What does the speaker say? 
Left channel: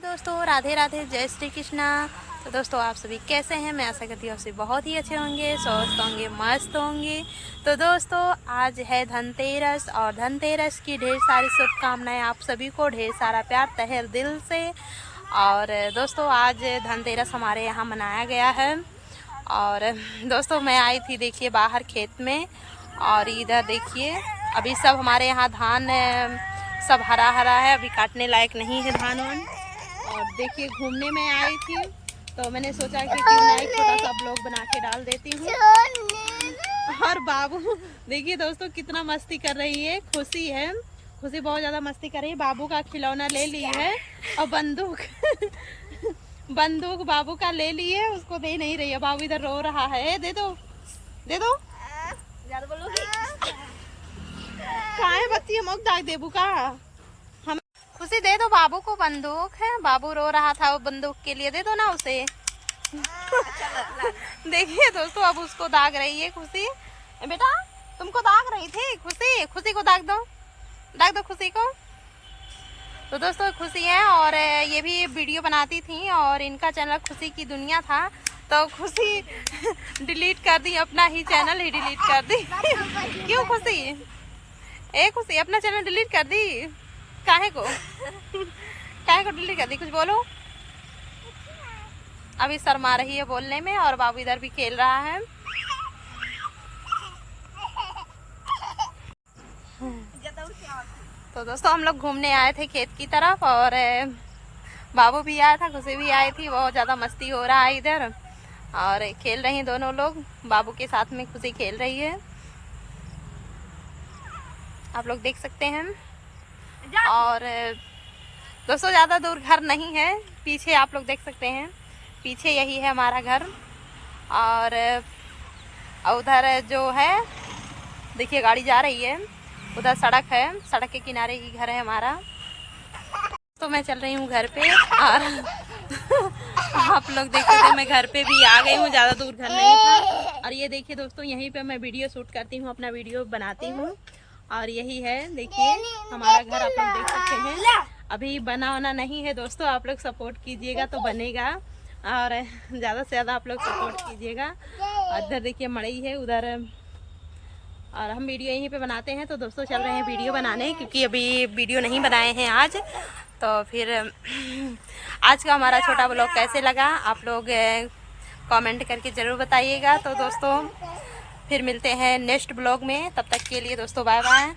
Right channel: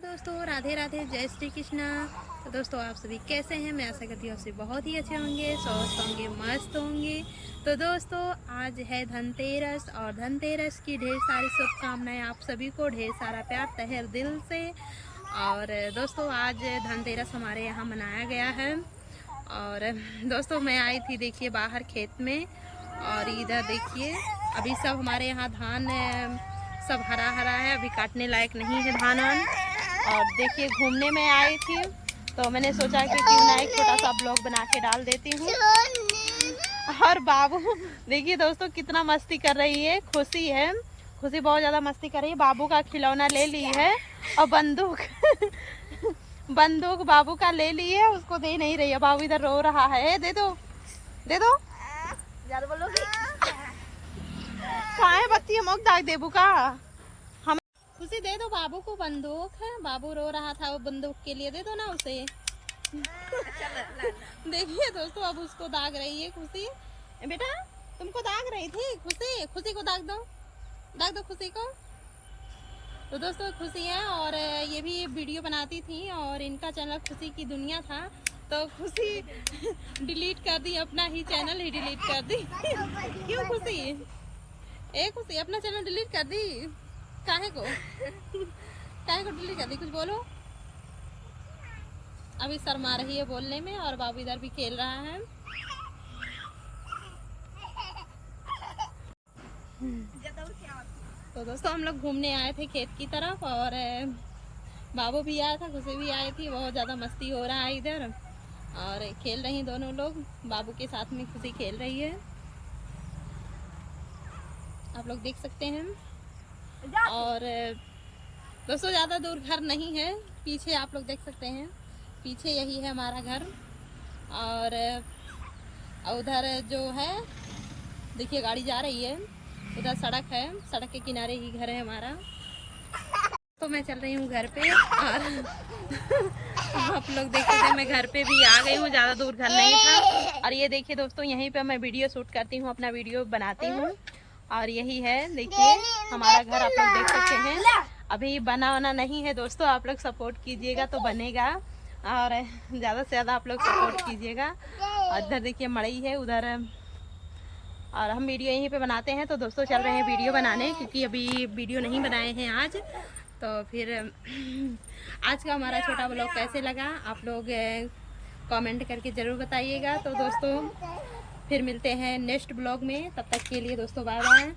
दोस्तों राधे राधे, जय श्री कृष्णा। तो दोस्तों आप सभी कैसे हैं? मैं आशा करती हूँ आप सभी बहुत ही अच्छे होंगे, स्वस्थ होंगे, मस्त होंगे। तो दोस्तों आज है धनतेरस और धनतेरस की ढेर सारी शुभकामनाएं आप सभी को, ढेर सारा प्यार तहे दिल से। और दोस्तों आज धनतेरस हमारे यहाँ मनाया गया है। और दोस्तों मैं आई थी देखिए बाहर खेत में, और इधर देखिए अभी सब हमारे यहाँ धान सब हरा हरा है, अभी काटने लायक नहीं है धान। और देखिए घूमने में आई थी तो मैंने सोचा कि क्यों ना एक छोटा सा ब्लॉग बना के डाल देती हूँ। और बाबू देखिए दोस्तों कितना मस्ती कर रही है। खुशी है, खुशी बहुत ज़्यादा मस्ती कर रही है। बाबू का खिलौना ले ली है और बंदूक बंदूक बाबू का ले ली है, उसको दे नहीं रही है। बाबू इधर रो रहा है, दे दो दे दो। ज्यादा बोलोगी कहाँ है बच्ची, हम दाग देबू का। हम खुशी दे दो बाबू को बंदूक है, बाबू रो रहा था वो बंदूक के लिए, दे दो ना उसे। देखिए दोस्तों अब उसको दाग रही है खुशी। बेटा तुमको दाग रही थी खुशी, खुशी को दाग दो खुशी को। तो दोस्तों खुशी है और ये भी वीडियो बनाती थी और इनका चैनल खुशी की दुनिया था, तो खुशी डिलीट कर दी, अपना ही चैनल ही डिलीट कर दी। क्यों खुशी, ए खुशी अपना चैनल डिलीट कर दी? काहे को डिलीट कर दी? कुछ बोलो। अभी शर्मा रही है बोलने में और बाबू इधर भी खेल रहा है। तो दोस्तों हम लोग घूमने आए थे खेत की तरफ और बाबू भी आया था, खुशी भी आई थी। बहुत ज़्यादा मस्ती हो रहा है इधर और खेल रही हैं दोनों लोग, बाबू के साथ में खुशी खेल रही है, आप लोग देख सकते हैं। और दोस्तों ज़्यादा दूर घर नहीं है, पीछे आप लोग देख सकते हैं, पीछे यही है हमारा घर। और उधर जो है देखिए गाड़ी जा रही है, उधर सड़क है, सड़क के किनारे ही घर है हमारा। तो मैं चल रही हूँ घर पे और आप लोग देख सकते हैं मैं घर पे भी आ गई हूँ, ज़्यादा दूर घर नहीं था। और ये देखिए दोस्तों यहीं पे मैं वीडियो शूट करती हूँ, अपना वीडियो बनाती हूँ। और यही है देखिए हमारा घर, आप लोग देख सकते हैं। अभी बना वना नहीं है दोस्तों, आप लोग सपोर्ट कीजिएगा तो बनेगा और ज़्यादा से ज़्यादा आप लोग सपोर्ट कीजिएगा। और इधर देखिए मड़ई है उधर, और हम वीडियो यहीं पे बनाते हैं। तो दोस्तों चल रहे हैं वीडियो बनाने, क्योंकि अभी वीडियो नहीं बनाए हैं आज। तो फिर आज का हमारा छोटा ब्लॉग कैसे लगा आप लोग कमेंट करके ज़रूर बताइएगा। तो दोस्तों फिर मिलते हैं नेक्स्ट ब्लॉग में, तब तक के लिए दोस्तों बाय बाय।